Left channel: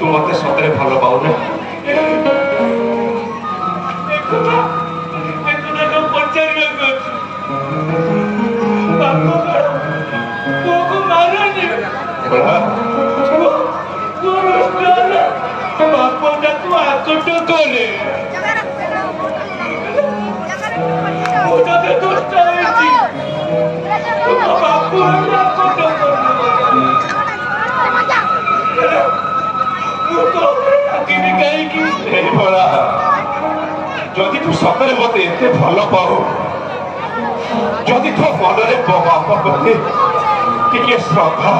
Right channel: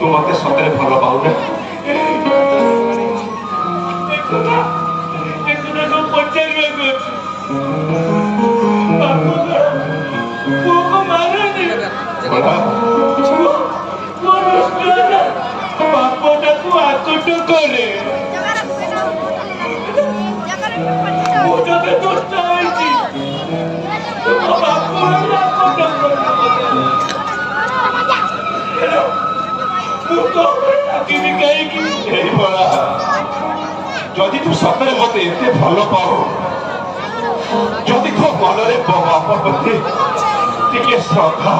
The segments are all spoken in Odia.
ତୁ ମତେ ସତରେ ଭଲ ପାଉନା? ବାପଟାକୁ ଆଚୁଟ କରେ ମୁଁ ତତେ ଦୁଷ୍ଟ ହେଇଛି ତୁମ ବାପ ଆଚୁଟ କରିବି କାହିଁକି? ଏଇଭଳିଆ ଯଦି ତୁ ସତରେ ମତେ ଏତେ ଭଲ ପାଉ, ଯଦି ତୋ ମନରେ ବାପ ପ୍ରତି ଟିକେ ଶ୍ରଦ୍ଧା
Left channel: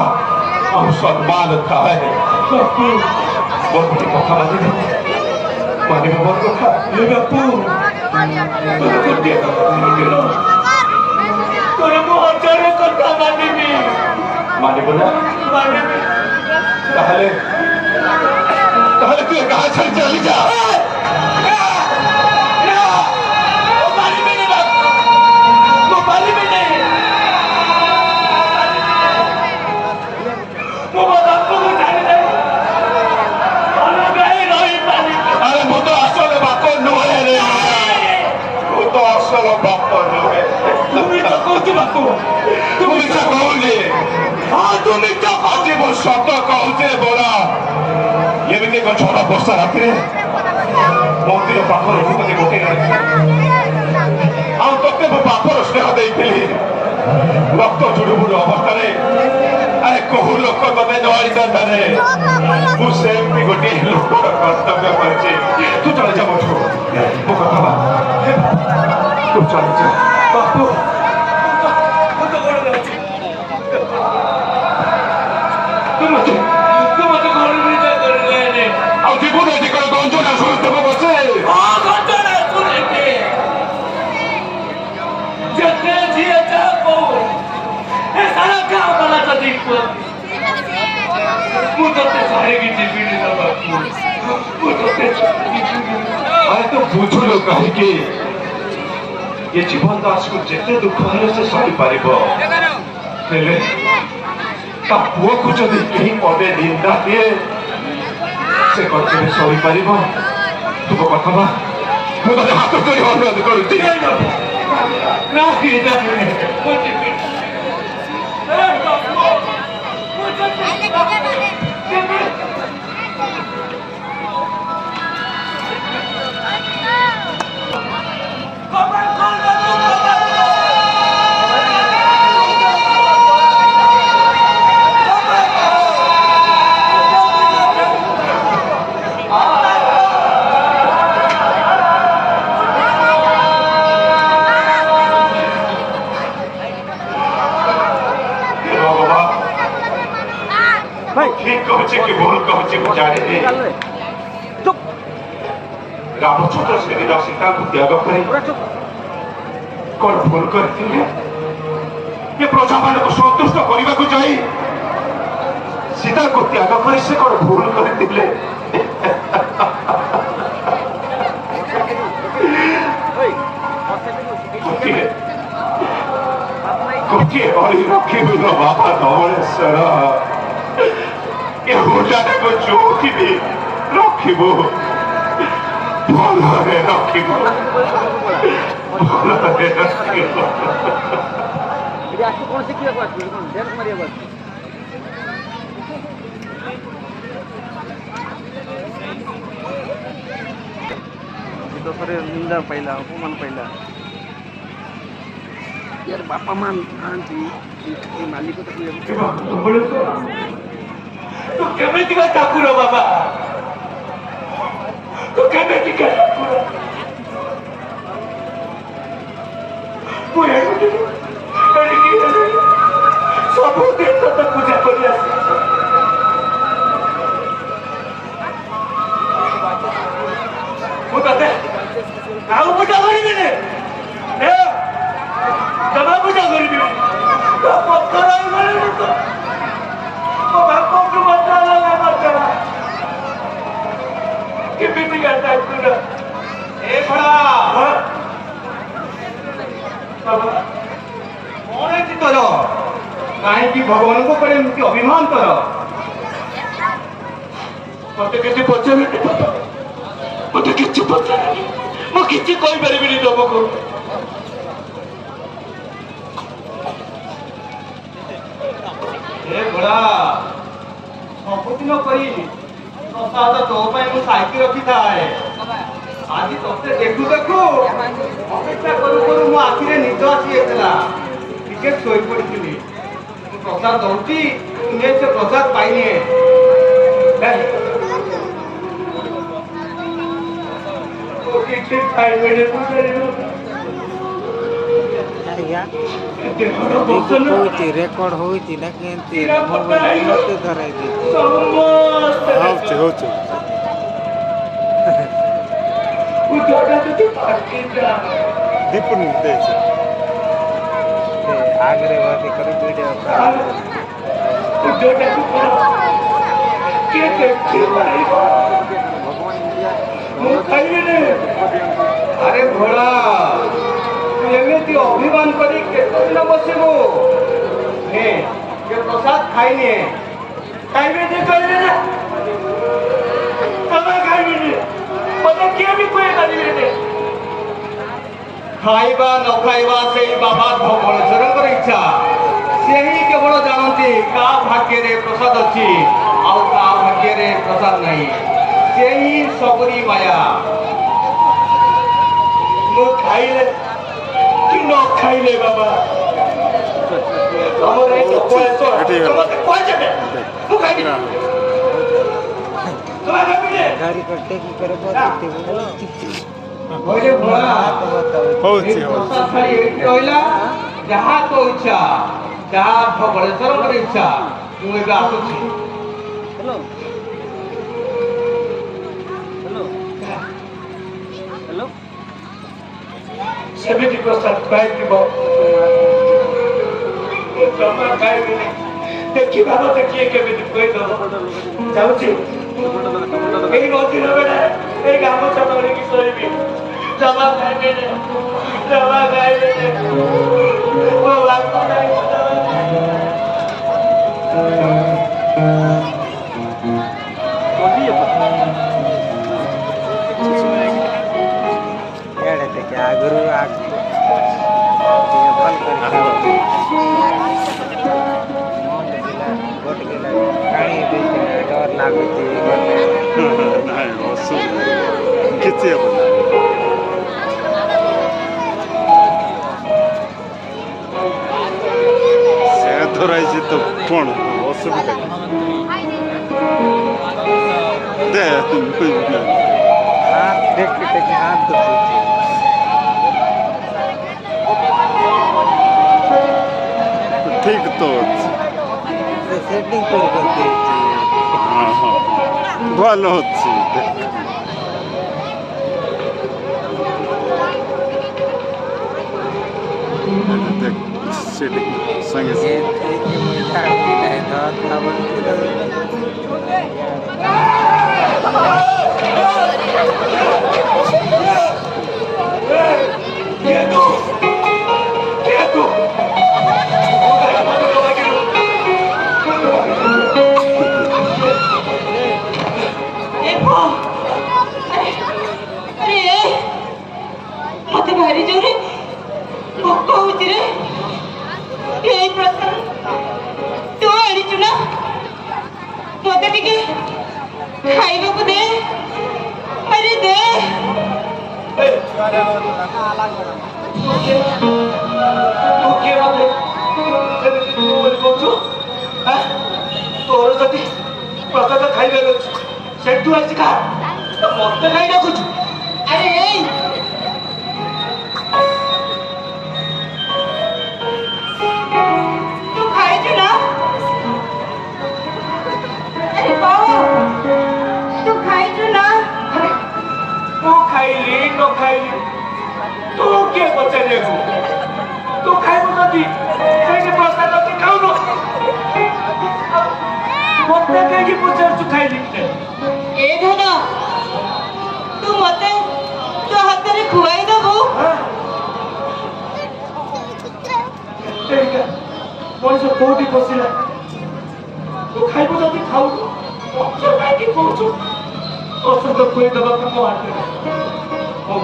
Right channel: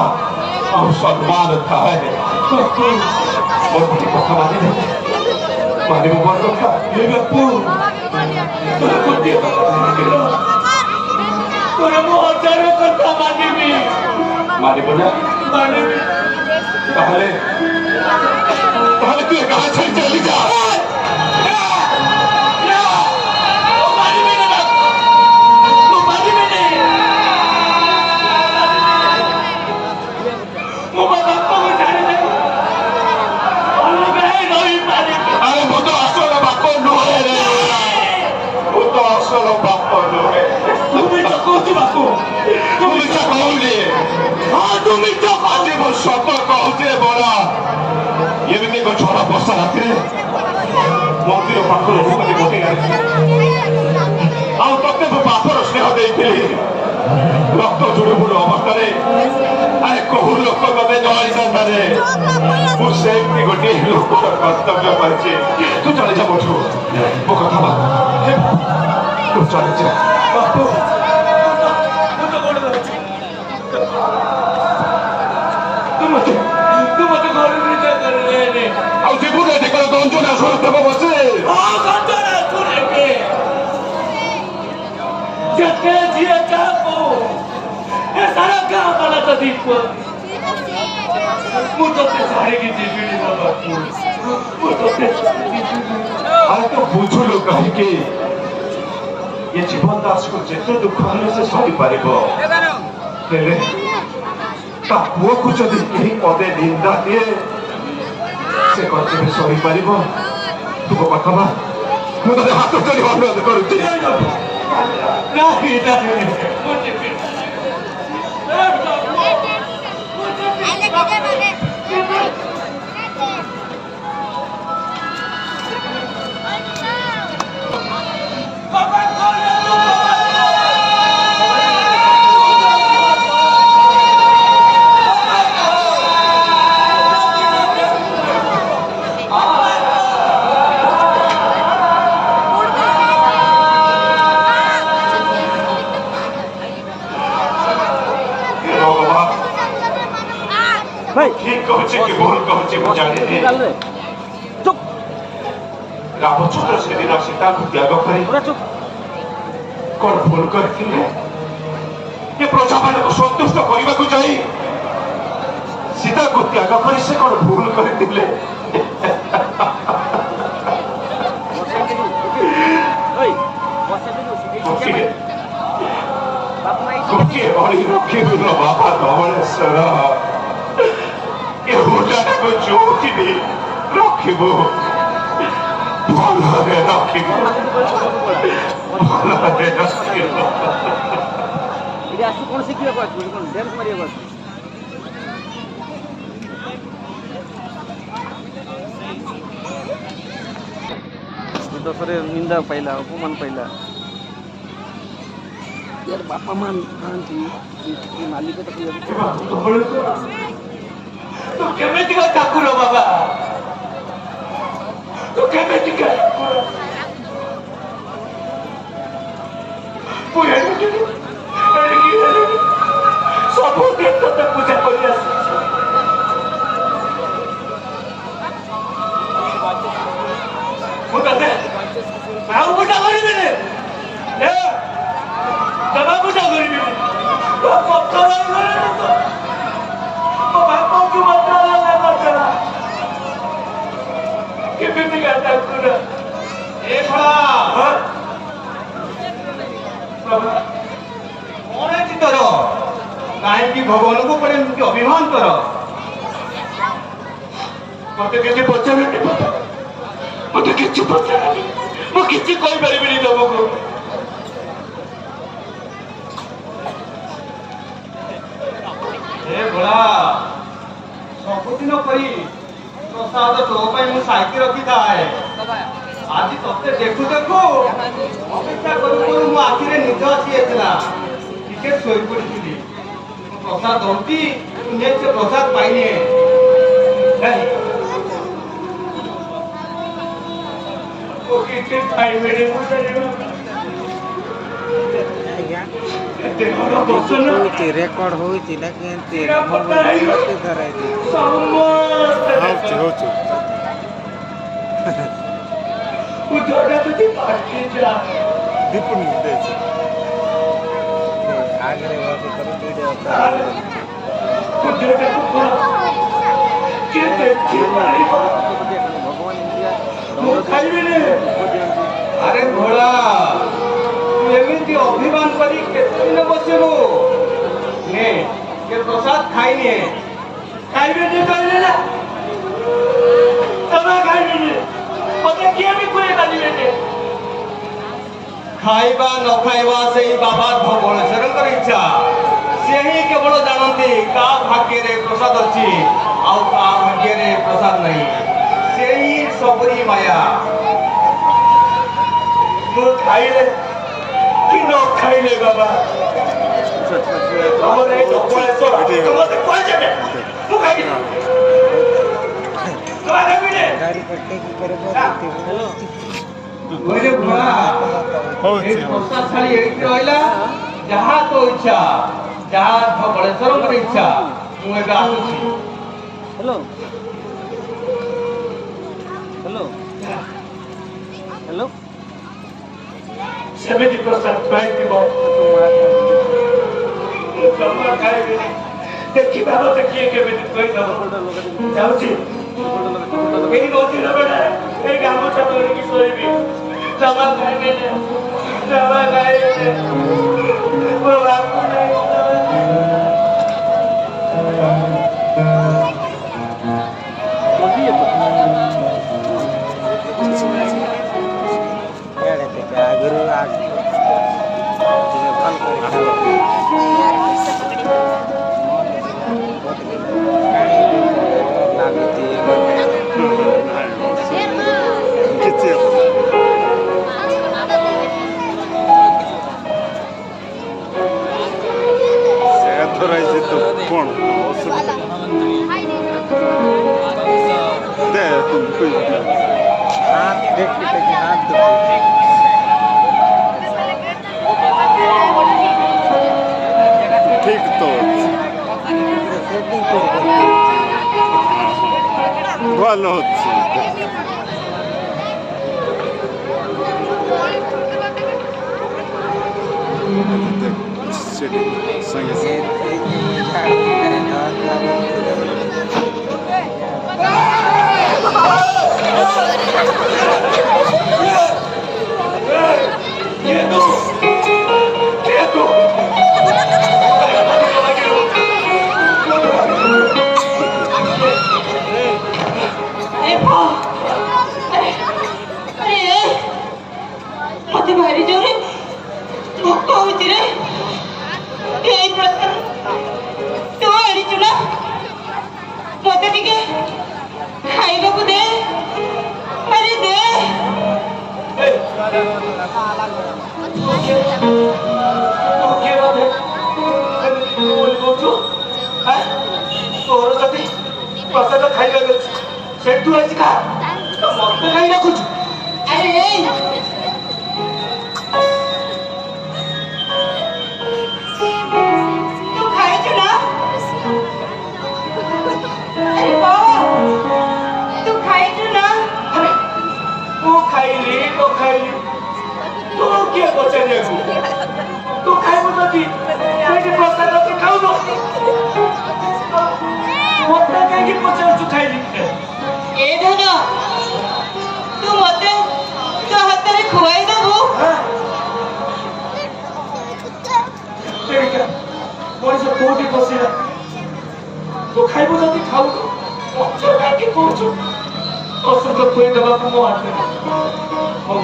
ଆଉ ସମ୍ମାନ ଥାଏ, ମୋ ଗୋଟେ କଥା ମାନିବ ମୋର କଥା। ବାପୁ ତୋର ମୁଁ ହଜାର କଥା ମାନିବି। ମାନିବ ନା? ମାନିବି। ତାହେଲେ ତୁ ଗାଁ ଛାଡ଼ି ଚାଲିଯା। ଆରେ ମୁଁ ତ ଅସଲ ବାପ ନୁହେଁ ରେ, ମୁଁ ତ ଅସଲ ବାପ ନୁହେଁ। ତୁ ମିଛ କହୁଛୁ ବାପୁ। ତୁ ମିଛ କହୁଛି? ହଁ ତୁ ମିଛ କହୁଛି, ମୁଁ ସତ କହୁଛି ରେ ବଳା। ଏମିତି ଏକ ଝଡ଼ ବର୍ଷା ରାତିରେ ମନ୍ଦିର ପାଖରୁ ମୋତେ ଗୋଟେଇ ଆଣିଛି, ଆଉ ତତେ ମୋ ବାପର ସ୍ନେହ ଦେଇଥିଲି। ରକ୍ତ ଜୁଡୁବୁଡୁ ଅବସ୍ଥାରେ ଆରେ କୋଉ ଲୋକ ତତେ ଧରିଥାନ୍ତାରେ? ମୁଁ ସେମିତି ଗୋଟିଏ ଲୋକର କର୍ତ୍ତବ୍ୟ କରିଛି। ତୁ ଚାଲିଯା ମୋଠୁ, ମୋ କଥା ମାନ। ତୁ ଚାଲିଯା ବାପୁ ମୁଁ ତ ବଡ଼ ରହୁଛି। ତୁ ମତେ ଘରେ ବିଦା କରିଲେ ଆଉ ଜୀବନ ଅଧିକାର ଗଞ୍ଜନା ଶୁଣୁଥିବ ବସେ। ହଁ ଘଟଣା ଶୁଣିବେ ଯେତେ ଯିଏ ଯାହା କହୁ ଏ ସାରା ଗାଁ ବାଲା ତ ଦେଖୁ ମୁଁ ତତେ ଛାଡ଼ିକି ଯିବିନି ନା ବାପୁ। ମୁଁ ତତେ ଛାଡ଼ିକି ଯିବିନି। ଆରେ ତୁ ବୁଝୁଲୁ କାହିଁକି? ଏ ଜୀବନ ଦାସକୁ ଯେତେ ଦୁଃଖ ହେଲେ ସେ ସହିପାରିବ, ହେଲେ ତା ପୁଅକୁ ଯଦି କେହି ପଦେ ନିନ୍ଦା ଦିଏ ସେ କେବେ ସହିପାରିବ? ତୁ କଥା ନା, ମୁଁ ତତେ ହାତ କରି ଅନୁରୋଧ କରୁଛି। ନା ଏଇଟା ନୁହେଁ ମୁଁ ଯିବିନି। ठीक कहছে কি ভুল कहছে ମୁଁ ଜାଣିନି। ରାମଚନ୍ଦ୍ର ସେଦିନ ସୀତାଙ୍କୁ ତ୍ୟାଗ କରି କଣ ଭୁଲ କରିଥିଲେ? ଏ ପ୍ରଜାମାନଙ୍କୁ ସନ୍ତୁଷ୍ଟ କରିବାକୁ ଯାଇ ସୀତାଙ୍କୁ ତ୍ୟାଗ କରି ସେ କଣ ଭୁଲ କରିଥିଲେ? ଗୋଟିଏ ବଳି ରଖିବୁଲ ବାପା ଧବଳେଶ୍ୱର, ଏ ମୁଣ୍ଡଟାକୁ ଚୁମୁକିବି ରଖିବୁ, ଭଲରେ ରଖିବୁ, ଭଲରେ ରଖିବୁ। କଣ ଶିଖିବାକୁ ଆସିବୁ? କଣ ଡ୍ୟାନ୍ସ ମାରିବାକୁ ଆସିବୁ? ଦଶରେ ନିନ୍ଦା ପାଇଲା, ଅପମାନ ପାଇଲା। यार बापा मां नाହାନ୍ତି, ମାଲିକ ତାକୁ ତୁ କେମିତିକା ଠାକୁର ବାବା? ତୁ କେମିତିକା ଠାକୁର? ମୁଁ ଏଠିକି ସବୁଦିନ ତତେ ପୂଜା କରି ଆସିଛି। ମୁଁ ତତେ ଆଉ ପୂଜା କରିବିନି, ଜମା ପୂଜା କରିବିନି। ବାପାଙ୍କୁ କେମିତିକା ଠାକୁର? ଏ ଶଳା କଣ ହେଇଛି ତୋର? କାହିଁକି ଭଗବାନଙ୍କ ଉପରେ ଏମିତି ଅଭିମାନ ତୋର? ମତେ କିଛି ପଚାରନ୍ତି ମତେ କିଛି ପଚାରନ୍ତି ମୁଁ କିଛି କହିପାରିବିନି ତମକୁ। ଏ ଭୋଳା ସବୁଦିନ ପରି ପ୍ରସାଦ ତୋ ପାଇଁ ମୁଁ ସାଇତି ରଖିଥାଏ। ଆଜି ତତେ ଦେଖୁ ଦେଖୁ ଅପେକ୍ଷା କରୁ କରୁ ମୋ ଆଖିରେ ନିଦ ଆସିଯାଇଥିଲା। ଟିକେ ଶୋଇପଡ଼ିଥିଲି। ପ୍ରସାଦ ଦଉଛି ତୁ ନେ ସେ ପ୍ରସାଦ ପାଇନିଏ। ମୁଁ କିଛି ଖାଇବିନି ଆଜ୍ଞା ଦେହର ବସନ ହଉଛି ରେକର୍ଡ ହଉଛି ନା କେମିତି ମୋବାଇଲ ମତେ ଧରାଇ ଦେଇଛି ସମସ୍ତେ ହଉଛି ଉଦରଟା ଯଦି ପାଟିଯା दीपन से आगरे वाली करो वीडियो ଉଦରଟାକୁ କଣ କିଏ ଦେଖିପାରିବ भगवान इंडिया ମୁଁ ଖାଇବିନି। ଆରେ ଭୋଳା ତୁ ଏମିତି ଅଭିମାନ କରି କେତେ ଦିନ ବସିବୁ? ନେ ସେ ପ୍ରସାଦ ଖାଇନିଏ। ଖାଇବିନି କହିଲେ ନା ତମେ ଖାଇବିନି ମତେ କିଏ ବି କହିପାରିବେନି। ଖାଇବା ନ ଖାଇବା ସେଇ ବାବା ଭଗବାନଙ୍କର ଇଚ୍ଛା। ସେ ହିଁ କେବଳ ଜାଣନ୍ତି କାହା ଭାଗ୍ୟରେ ପ୍ରସାଦ ଅଛି ଆଉ କାହା ଭାଗ୍ୟରେ ପ୍ରସାଦ ନାହିଁ। ସେ ହିଁ ସବୁରି ମାୟା। ମୁଁ ଖାଇଲେ କି ନ ଖାଇଲେ ବାବା ତମର ଏଇ କପଳେଶ୍ୱର ମତେ କୁହାଯାବେ ମୁଁ ଖାଇବିନି ତମେ ଖାଇବିନି। गाड़ी कट्टे की करो କହିଲେ ଭୋଳା ଏଇ ପ୍ରସାଦ ଥାଳି ଏଇଠି ରହିଲା। ଯାହା ତୋ ଇଚ୍ଛା ଯାହା ଭଗବାନଙ୍କର ଇଚ୍ଛା। ମୁଁ ଏବେ ଆସୁଛି। हेलो हेलो हेलो ସେମିତି ପ୍ରସାଦ ପାଇଥିବ ମୁଁ ଜମା ଖାଇବିନି। ଦେଖିବା ମତେ କିଏ କେମିତି କହିଦବ। ଯାଉଛି ଏଇ ମଝିର ବେଳେ ଏଇ ଗାମୁଛା ଧରିକି ଶୋଇବି। ଜମା ଖାଇବିନି ଜମା ଖାଇବିନି ମୋ ବାପ ନାହିଁ ଜମା यार ते क्या गुरु आग ये फल कर खाओ गोट गेला काणी देती डर लागती गोटे किती ସେ ଧରାଇଛି ତ କ'ଣ ଅସୁବିଧା ଦେ हाथ देख के हाथ दुखी ଠିକ ତ ଅଛି सेटिंग कर करते ଭଲ ଅଛି ସେଠି ସାଙ୍ଗେ मते भारी जोरे भोक होती रे यही प्रश्न तू आड़ी चुना मते टिके खाइबा को दे अरे दे ତୋର ଯଦି ପ୍ରସାଦ ଖାଇବାକୁ ଅଛି ସେଠୁ ଆସି ଖା ମତେ କାହିଁ ରଖୁଛୁ। अरे ए तू खाई चुना अरे बाबा तू खाई चुना ତୁ ଖାଇଲି ନ ଖାଇଲି ତୁ କିଏ ପଚାରିବାକୁ। ତୁ ଖାଇବୁ ଯଦି ସେଇଠି ପ୍ରସାଦ ଅଛି ଖାଉନୁ ମତେ କାହିଁକି ପଚାରୁଛୁ ଖାଇଲି ए धन तू मते तो हाथ में खुआई दबो ସେଇଟା ମଣିଷ କୋଉଠି ବସିଲା ତୁ ଖାଇବୁ ଯଦି ଖାଉନୁ ମତେ କାହିଁକି ପ୍ରସାଦ ଖୁଆଇ ଦେବାକୁ ମୋ ହାତରେ ହଉ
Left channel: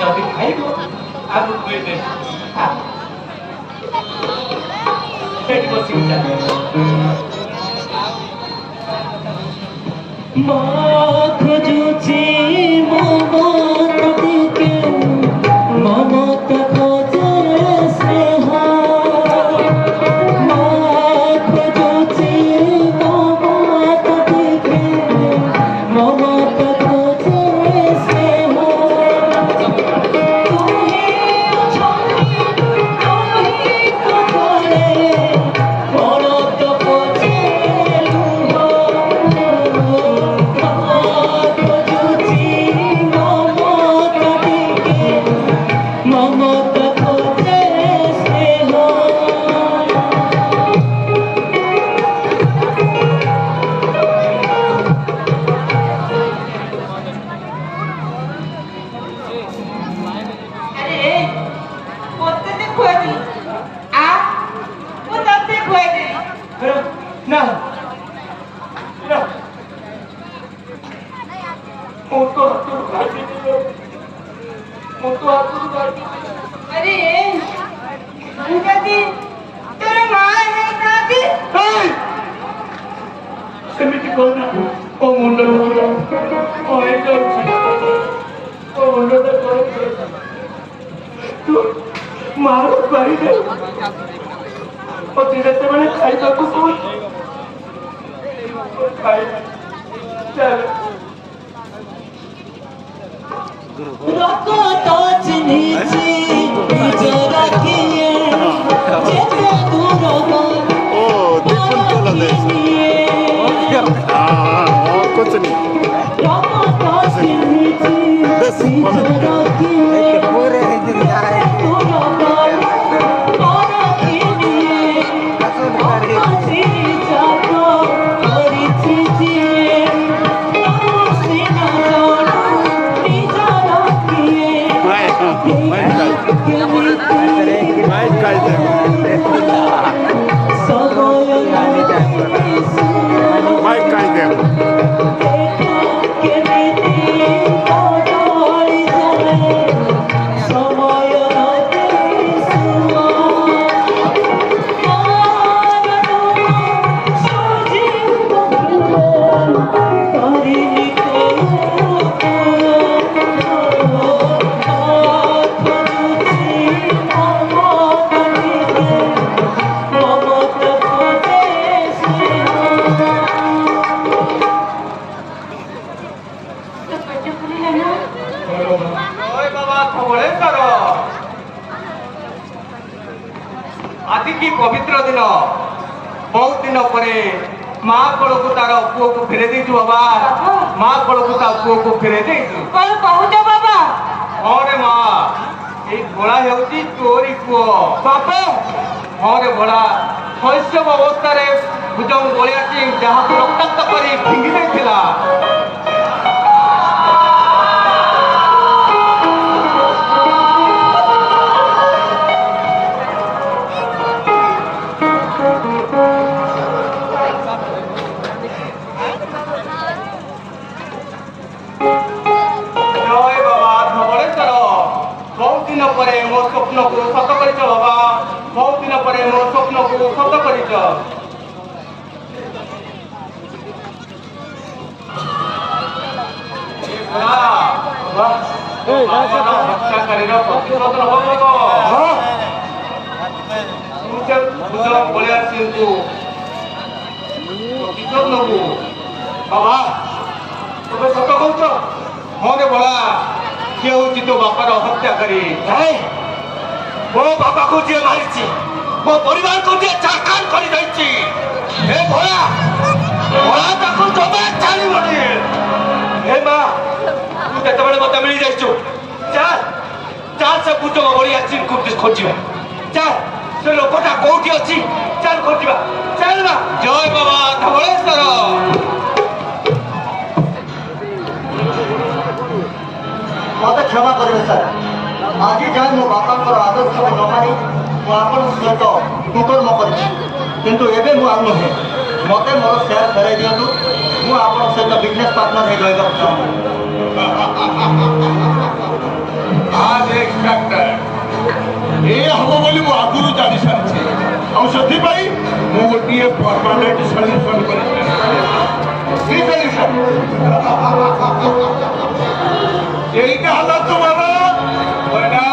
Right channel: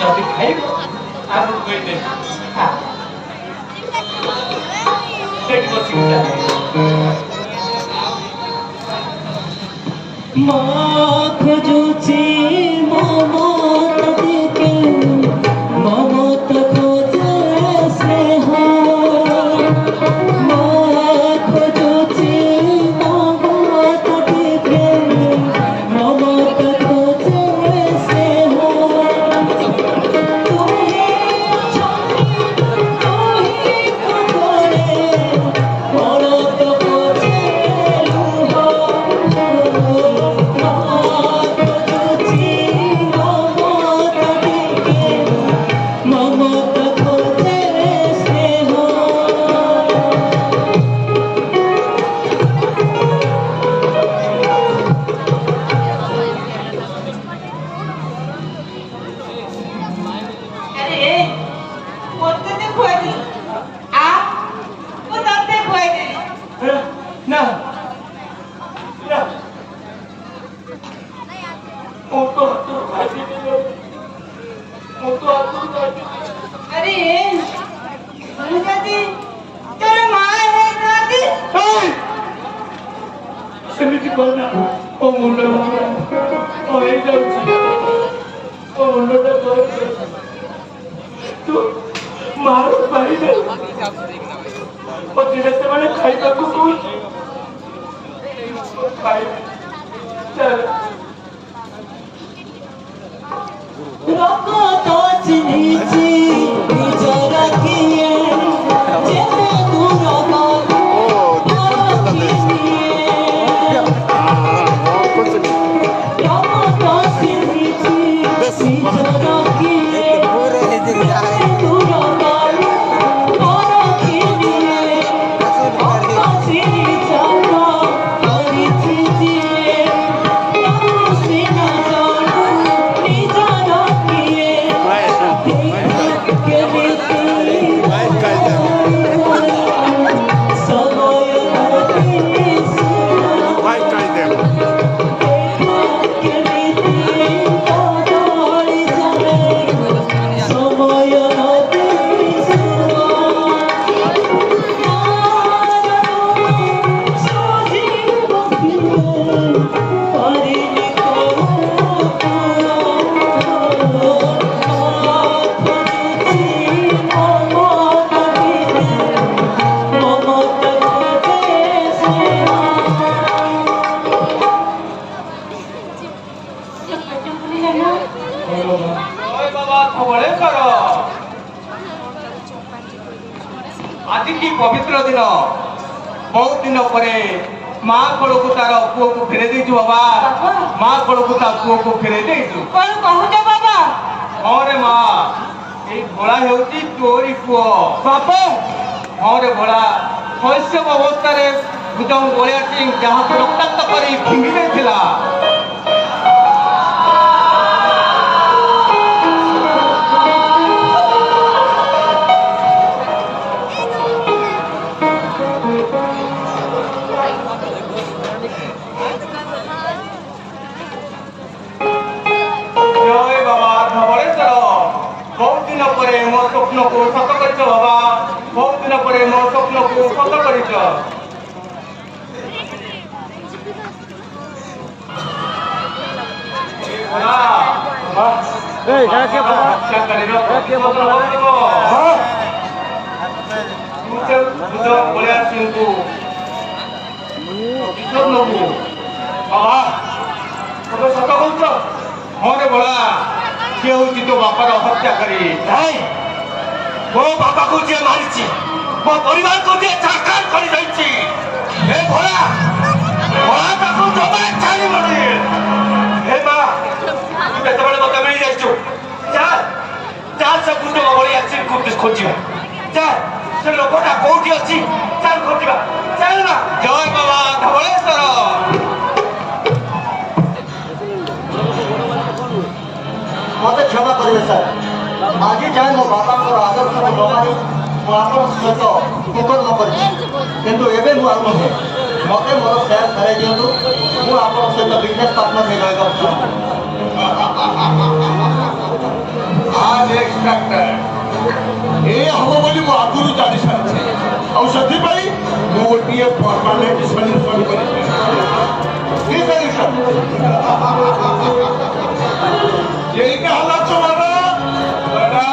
ଯଦି ଖାଇବ ଆକୁ ଖୁଆଇଦେବି ସେଇଠି ବସିକି माँ खोजुची ममता दिके ममता खोजे स्नेह माँ खोजुची ममता दिके ममता खोजे स्नेह तुम्हें खोजे ममता खोजे ନା ନା ମୁଁ ତ ହାତରୁ ଖାଇଦେଲି ମୁଁ ତ ହାତରୁ ଖାଇଦେଲି अरे तेरे माँ है दादी ସେମିତି କହିନା ମୋ ମୁଣ୍ଡ ହେଇଯାଉଛି ମୋ ମୁଣ୍ଡଟା ଯାଉଛି ତୁ ମାର ପାଇଲେ ଦିନେ ସେମାନେ ଖାଇବାକୁ ଖାଇଲେ ଚାଲ लोगों तो चिन्हिची जरा किए जैसे दूर हो लोगों तो चिन्हिची जरा किए पूरे दिन जाए दूर हो कसर करे सिरी जाओ हरी चीज़ें सिरी जाओ निजा रखिए के मिलती समय नहीं सुना के मिलती तो दौड़ी जाए समय नहीं सुना ଜୟ ବାବା ଧବଳେଶ୍ୱର ଆଜି କି ପବିତ୍ର ଦିନ ବହୁତ ଦିନ ପରେ ମା କୋଳକୁ ତାର ପୁଅକୁ ଫେରେଇ ଦେଇଛୁ ବାବା ମା କୋଳକୁ ତା ପୁଅକୁ ଫେରେଇ ଦେଇଛୁ कौन पहुंचे बाबा ହଁ ରେ ମା ଏଇ ଭୋଳା ହେଉଛି ତୋରି ପୁଅ ବାପା ହଁ ରେ ଭୋଳା ଶୈଶବ ଅବସ୍ଥାରେ ଭୁଜଙ୍ଗ ଗୋଳିଆ ସିଂ ଯାହାକୁ ରକ୍ତାକ୍ତ କରି ଫିଙ୍ଗି ଦେଇଥିଲା ଜୟ ବାବା ଧବଳେଶ୍ୱର ବହୁତ ଦିନ ପରେ ମୋ ସ୍ୱପ୍ନକୁ ସତ କରିଛ ବାବା ବହୁତ ଦିନ ପରେ ମୋ ସ୍ୱପ୍ନକୁ ସତ କରିଛ ହତ୍ୟାକାରୀର ଗୋଳିଆ ସିଂଙ୍କୁ ବିଷଦ ନବୁ ବାବା ତମେ ସତ କହୁଛ ମନେ ବଳା କିଏ ହଉଛି ତୋ ବାପାର ହତ୍ୟାକାରୀ ମୋ ବାପାକୁ ଯିଏ ମାରିଛି ମୋ ପରିବାରକୁ ଯିଏ ଛାରଖାର କରିଦେଇଛି ଏ ଭୋଳା ତାକୁ ଜମା ଛାଡ଼ିବନି ଏ ମା ତୁ ଯେତେବେଳେ ମତେ ମିଳିଯାଇଛୁ ଚାଲ ଚାଲ ସେ କୁଟୁମ୍ବ ଭଳିଆ ଚିଙ୍କୁ ଖୋଜିବା ଚାଲ ସେ ଲୋକଟା କୋଉଠି ଅଛି ଚାଲ ଖୋଜିବା ଚାଲ ନା ଜୟ ବାବା ଧବଳେଶ୍ୱର मत क्षमा करेंगे सर आज जाए मो बापा आदर्श को न मानी आपन सहित कुकर्म कर किंतु एबे मु आउ नहे ମତେ ମୋର ସେୟାର ଫେରାଇ ଦିଅନ୍ତୁ ମୁଁ ଆପଣଙ୍କ ସହିତ ବିଜନେସ୍ ପାର୍ଟନର ହେଇ ରହିବାକୁ ଚାହୁଁଛି आज एक्सपेक्टर ए हम बोली मु आगुरु जानि सारछि और सथि पई मु गोटिए परमानेंट सॉल्यूशन करि की सॉल्यूशन यही का हालत तुम्हारा बड़ा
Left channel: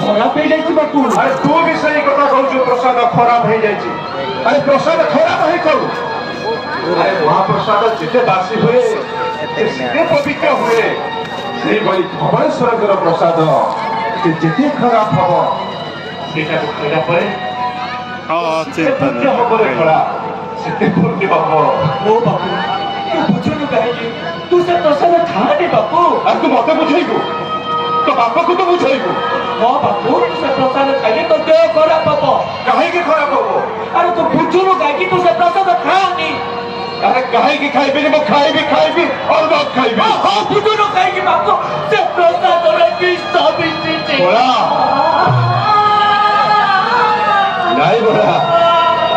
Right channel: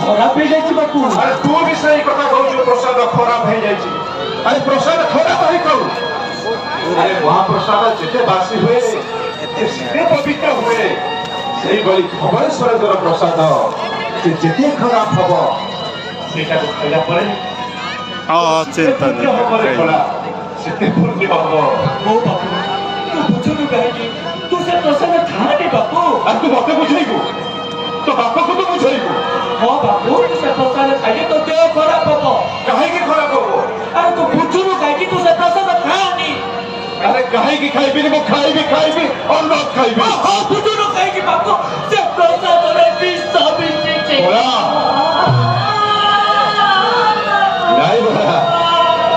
खराब हो जाए बापू अरे तू भी सही कथा कहू प्रसाद खराब हो जाए अरे प्रसाद खराब ही कहू अरे महाप्रसाद जिते बासी हुए जिते पवित्र हुए से भली धवलेश्वर प्रसाद से जिते खराब हम सेटा को खाइला परे चिंता सेते पूर्ण हम ओ बापू तू बुझुनु काहे तू से प्रसन्न था दे बापू आ तू मते बुझाइबो तो बापा को तो बुझाइबो हां बापू तू से प्रसन्न खाइले तो देह खराब हबो काहे की खराब हो अरे तू बुझुनु काहे तू से प्रसन्न खानी अरे काहे की खाइबी मो खाइबी और न खाइबी हां बुझुनु काहे की बापू से प्रसन्न रे पिस्ता बिस्ती बोला नहीं बोला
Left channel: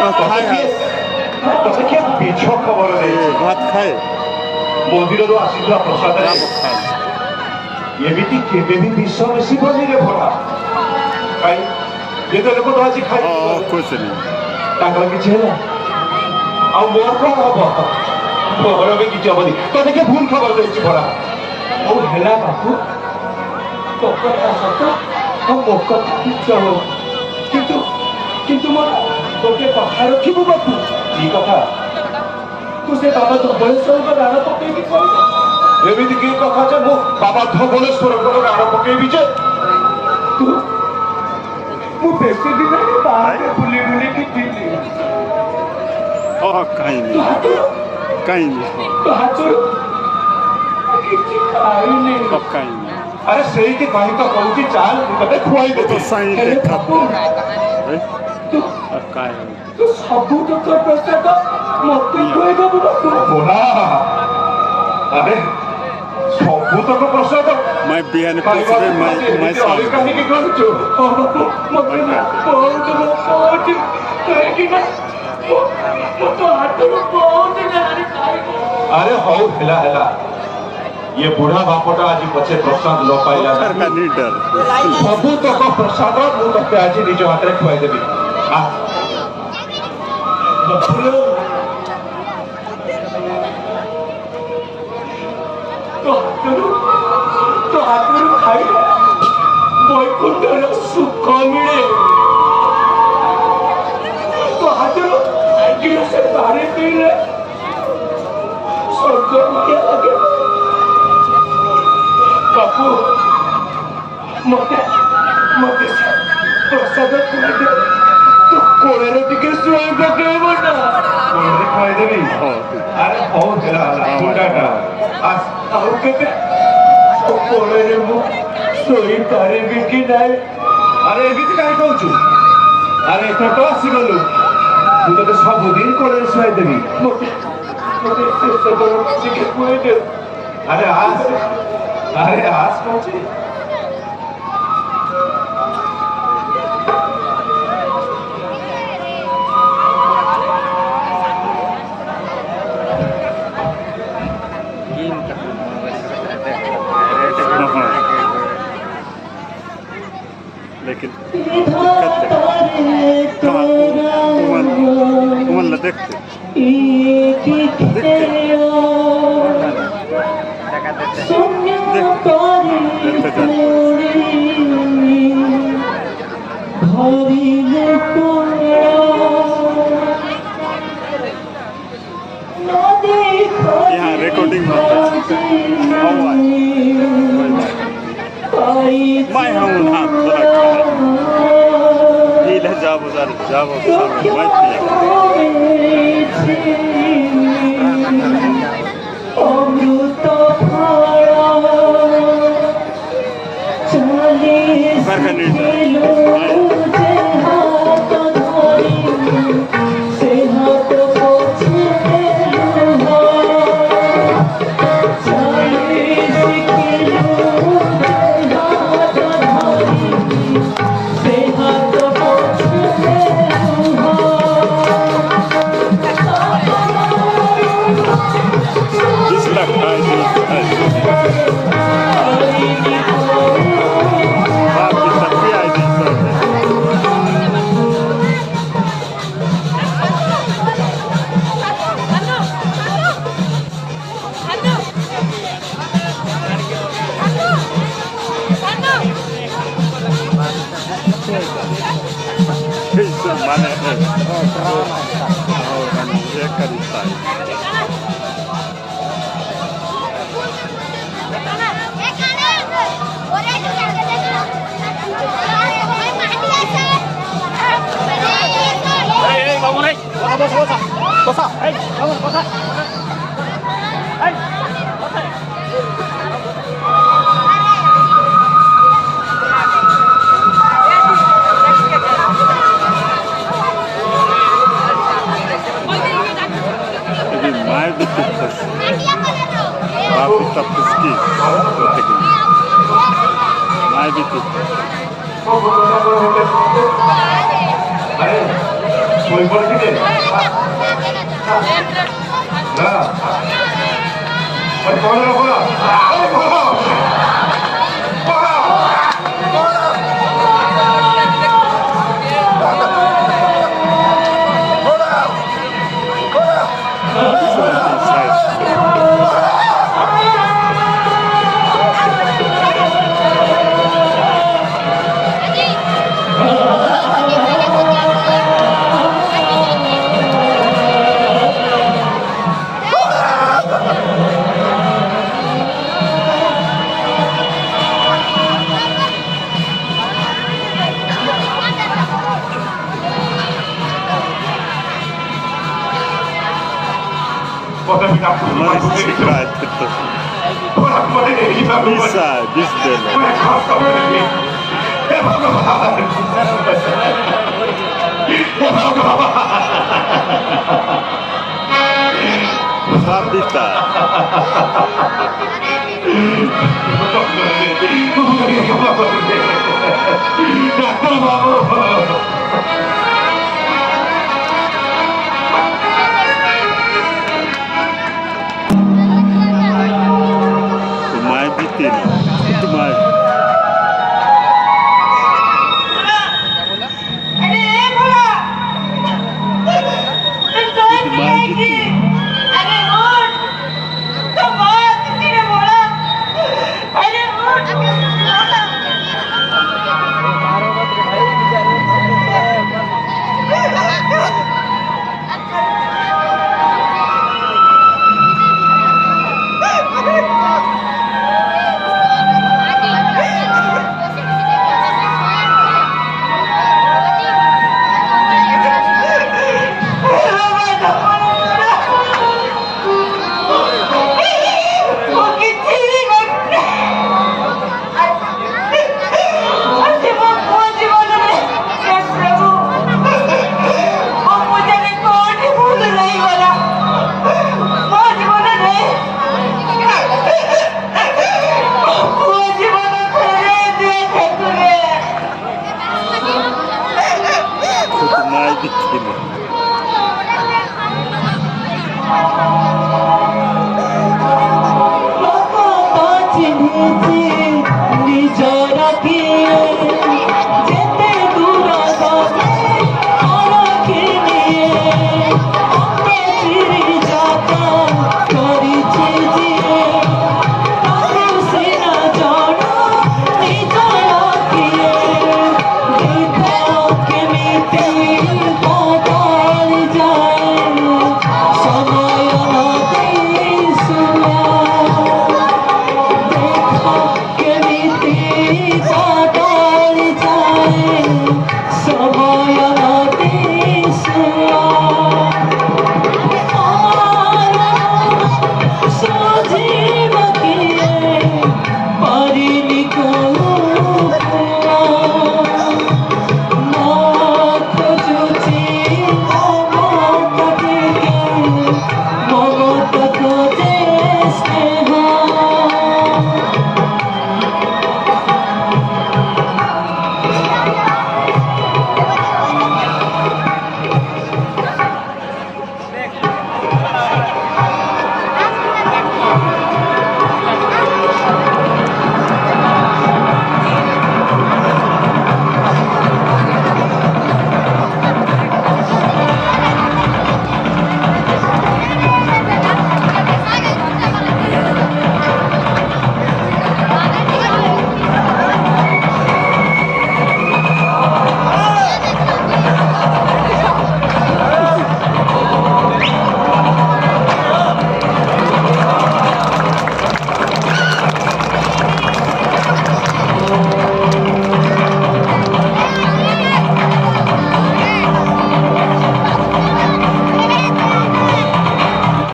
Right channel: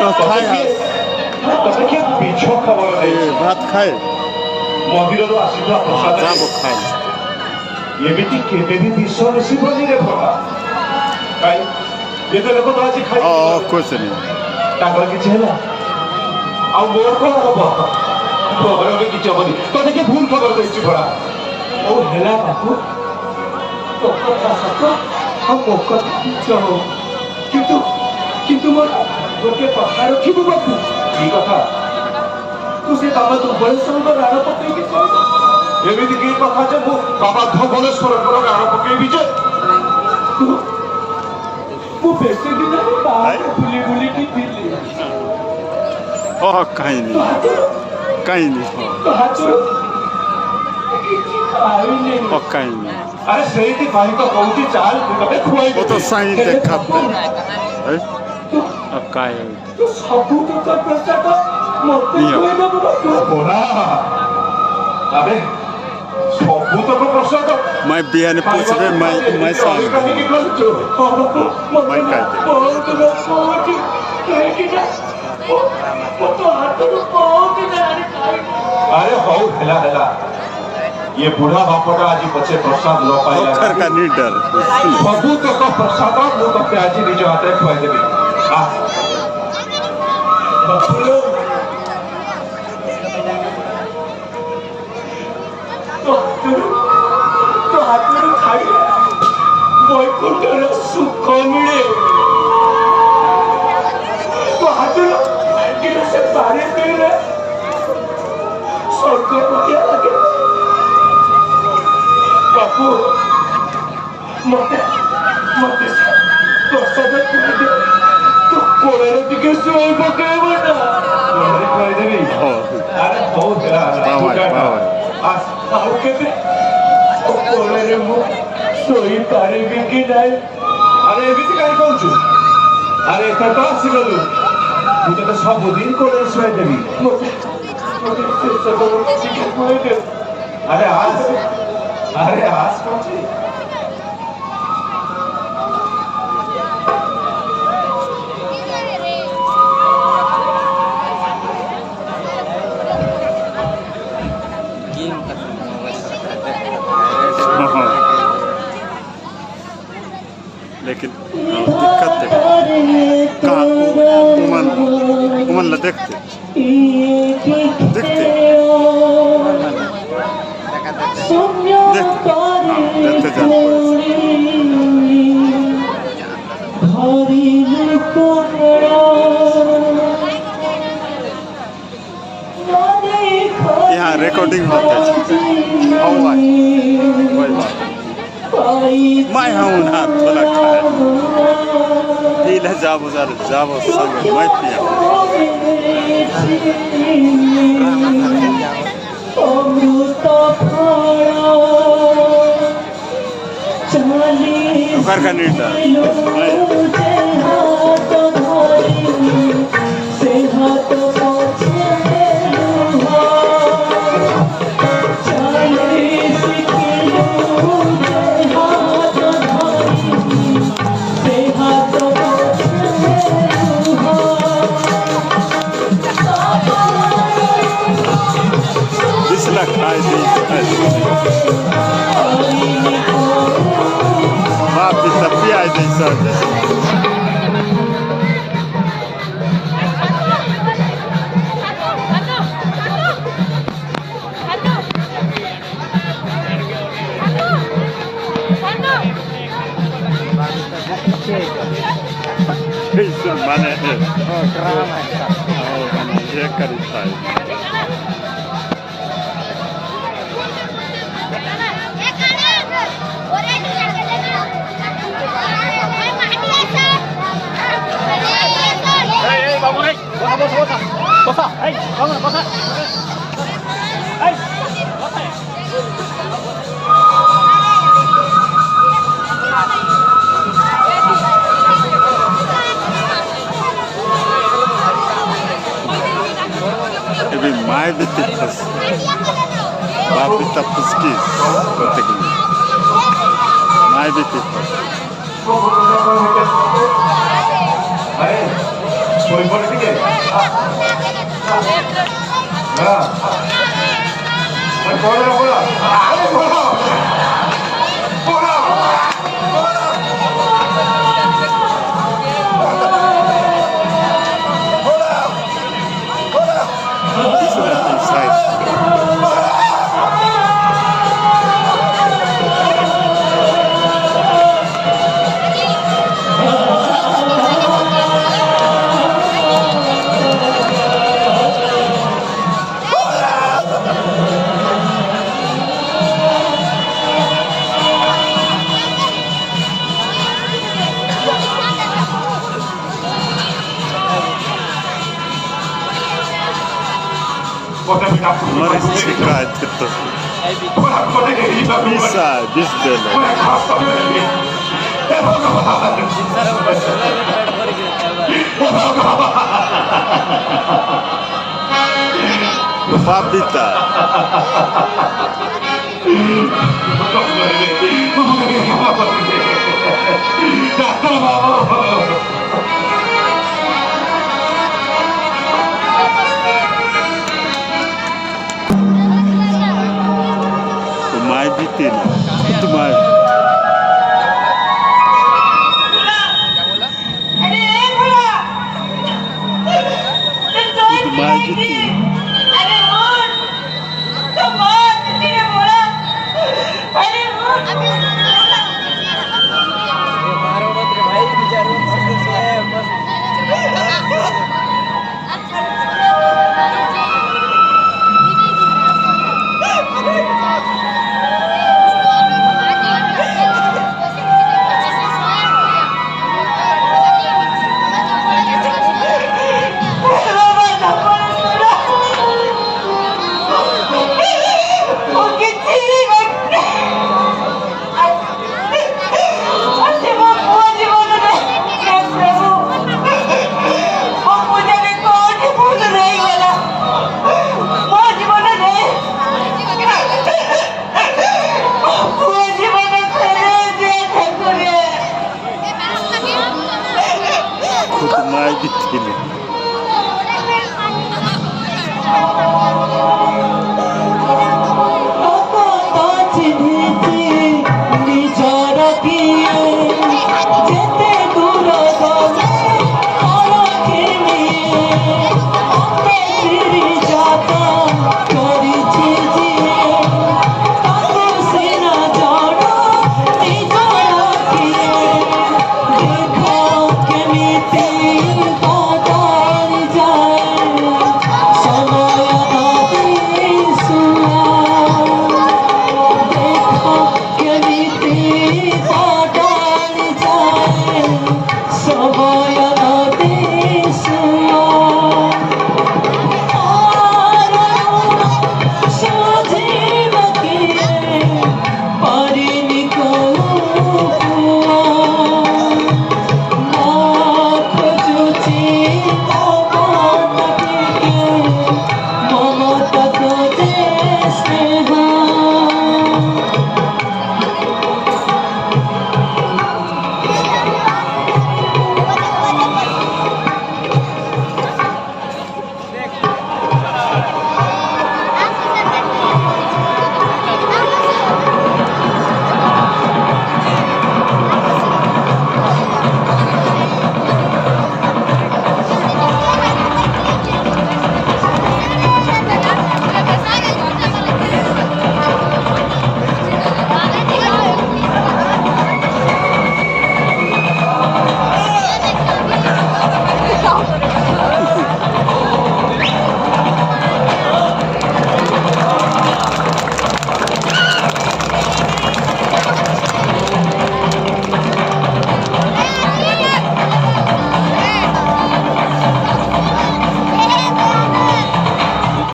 तो क्या पीछो खबर नहीं भात खाए मंदिर आसीला प्रसाद खाए एमिति केबे भी विश्व बेसी बनी रे भला काई ये तो लोग तो आज खाई कुछ नहीं ताकर किछ हैला आ मोर को हबो खबर भी किछ हबनी तो देखे भूल खबर देछि भला ओ हेला बापू तो कथा सत हम कथा किछ किंतु किंतु मोर गोटे कथा रखिबु बापू की कथा तू से बाबा तो बड़े सुंदर राण पकड़ के कहू एमिति की कथा जे मो बाबा धवलेश्वर राण पकेबी जे तू मु बेसे दिन बाहर बुली बुली की थी कहीं तू नहीं हाथरो कहीं नहीं तू हाथरो किछि खाई नहीं कहीं नहीं अरे सही की कहीं तो कहूची चाल तू तबे खुआई वो तो सही के खाते तू कहीं तू सबू तो प्रसाद मते खुआई दबु तू बोला अरे सबू तो प्रसाद मैं बिहान पूछे मैं शाम कहीं की कहूचो मते ना बहुत लोग कहे ना तो हाथरो बहुत दिन खाई अरे हो हेला ये बुढ़ा बापटा आज पछे प्रसाद ल पाइला पत्थर का नहीं डर सबू तक प्रसाद मु तके आज निज हाथ रे खुआई देबी belum. तो हातून खायला वैकुंठाला सुख मिळे तो हातून गिलासे पाणी पिले स्वर्ग बघायला लागेल बापू मोठ्या प्रसाद खायला तो कोणाला तिकडे सोय बघाय म्हणा कोणाला खायला नाही अरे बहुत फुटाटा आज आहो केते कोणाला मग सोयी तारे बिकी नाही अरे एମିତି କାହିଁ କହୁଛୁ ଆରେ ଏଥର ତ ଆସିଗଲୁ ମୁଁ ତତେ ସବୁଦିନ କୋଳରେ ଶୁଆଇଦେବି ଆରେ ଆସ କହୁଛି गेम करना मोबाइल करता है लेकिन दिक्कत है कहाँ उमन देखते कौन वाला देखा देते यहाँ रिकॉर्डिंग होता है मैं हूँ ना थोड़ा खाए नीला जाबो संग मैं पिया ड्रामा कर जाओ घर का नीटा drama Jadi mai ditikas, babi tapuski, kata dia. Mai ditikas. Boleh kita? Dah. Bola. Mari kita itu. Bisa, bisa. Babita. Mai bitin.